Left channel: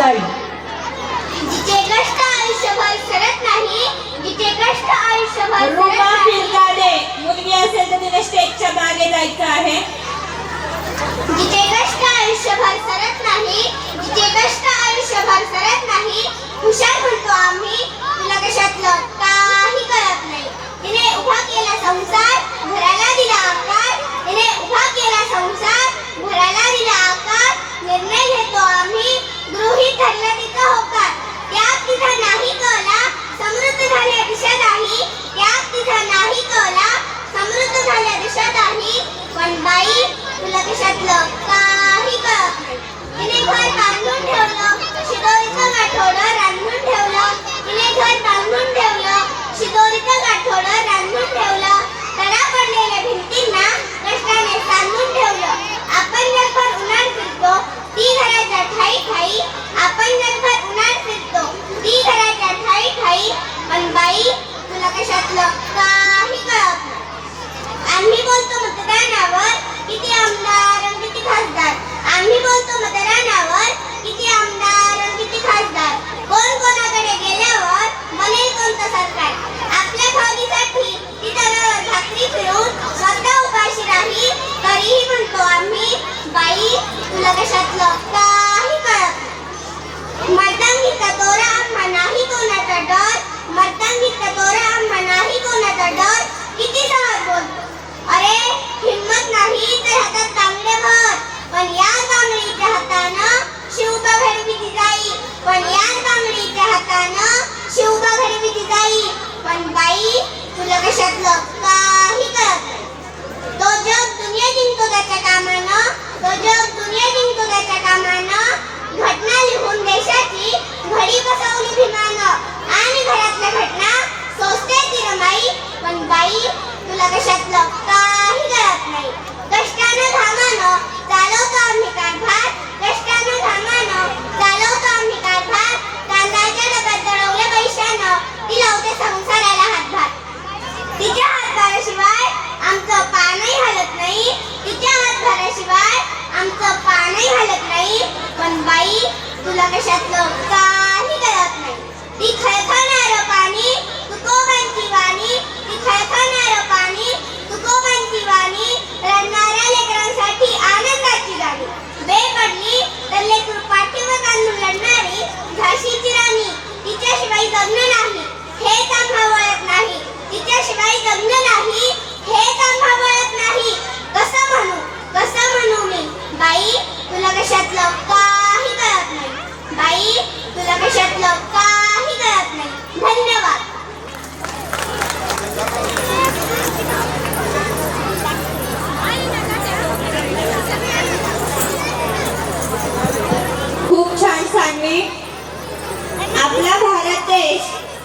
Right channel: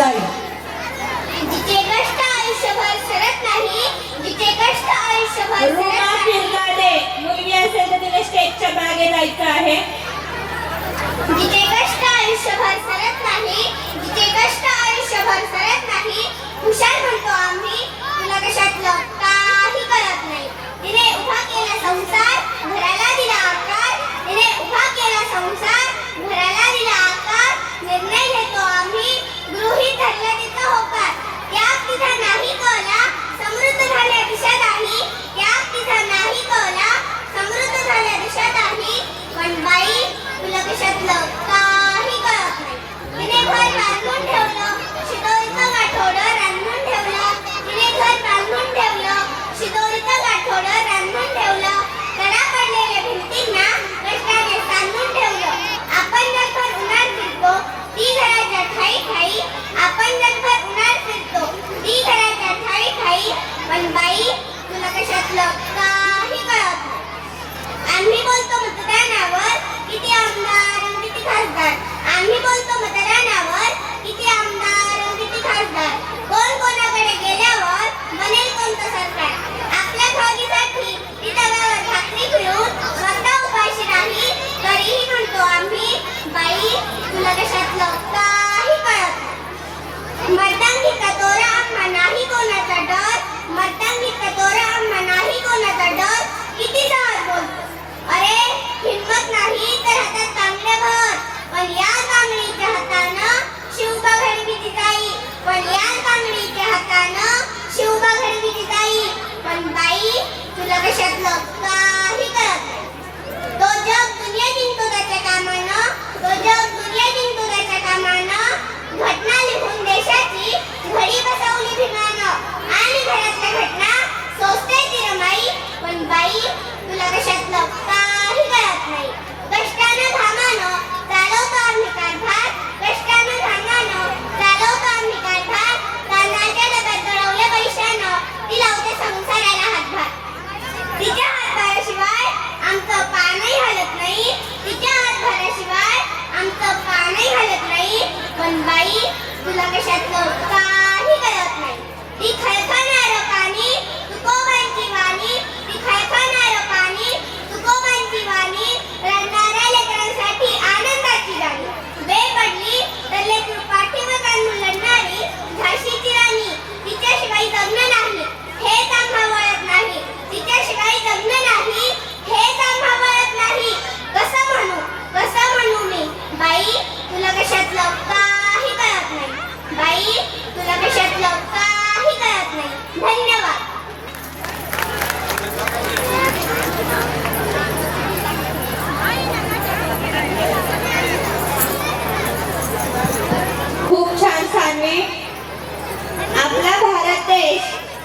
जाईल. जिचे कष्ट आयुष्यभर सरत नाही, जिचे कष्ट आयुष्यभर रुमा फिरकाडे मुलगी असेल तर तिने स्टेजच्या मागे जायचं आहे. जिचे कष्ट आयुष्यभर सरत नाही, जिचे कष्ट आयुष्यभर सरत नाही, हुशार म्हणतो आम्ही, तुला कशातलं काही कळत नाही. तिने उभा केला संसार, घराला दिला आकार. तिने उभा केला संसार, घराला दिला आकार. निर्णय घेतो आम्ही, गृहीत धरला तिचा होकार. त्याग तिचा नाही कळला, समृद्ध झाल्या दिशा नाही. त्याग तिचा नाही कळला, समृद्ध झाल्या दिशा नाही. पण बाई तुला कशातलं काही कळत नाही. तिने घर बांधून ठेवलं, शिदोरीचं गाठोडं रांधून ठेवलं. तिने घर बांधून ठेवलं, शिदोरीचं गाठोडं रांधून ठेवलं. कडा पडलेल्या भिंतींना कष्टाने सांधून ठेवलं. आपण जगभर उन्हाळ फिरतो, ती घराच्या ठाई ठाई. आपण जगभर उन्हाळ फिरतो, ती घराच्या ठाई ठाई. पण बाई तुला कशातलं काही कळत नाही. आम्ही बोलतो मतदानावर, किती आमदार किती खासदार. आम्ही बोलतो मतदानावर, किती आमदार किती खासदार. कोण कोणाकडे गेल्यावर बनेल कोणतं सरकार. आपल्या भागीसाठी ती डब्यावर भाकरी फिरून स्वतः उपाशी नाही. तरीही म्हणतो आम्ही, बाई तुला कशातलं काही कळत नाही. मर्दांगीचा तोरा आम्हा नाही कोणाचा डर. मर्दांगीचा तोरा आम्हा नाही कोणाचा डर. किती सहज बोलतो. अरे हिम्मत नाही तर हातात तांबडे भर. पण या तांबडीच्या हातानं शिवबा घडविली जाई. पण या तांबडीच्या हातानं शिवबा घडविली जाई. पण बाई तुला कशातलं काही कळत नाही. तो जग दुनिया जिंकतो त्याच्या कामानं. तो जग दुनिया जिंकतो त्याच्या कामानं. घटना लिहून देशाची घडी बसवली भीमानं. आणि घरातल्या घटना सोसते ती रमाई. पण बाई तुला कशातलं काही कळत नाही. कष्टानं घामानं चालवतो आम्ही कारभार. कष्टानं घामानं चालवतो आम्ही कारभार. तांदळाच्या डब्यात दळवल्या पैशानं ती लावते संसाराला हातभार. तिच्या हातभाराशिवाय आमचं पानही हलत नाही. तिच्या हातभाराशिवाय आमचं पानही हलत नाही. पण बाई तुला कशातलं काही कळत नाही. ती खळखळणारं पाणी तुकोबांची वाणी. ती खळखळणारं पाणी तुकोबांची वाणी. रडणाऱ्या लेकरांसाठी आनंदाची गाणी. वेळ पडली तर लेकरू पाठीवर बांधून लढणारी झाशीची राणी. तिच्याशिवाय जगणं नाही हेच आम्हा वळत नाही. तिच्याशिवाय जगणं नाही हेच आम्हा वळत नाही. कसं म्हणू मी, बाई तुला कशातलं काही कळत नाही. बाई तुला कशातलं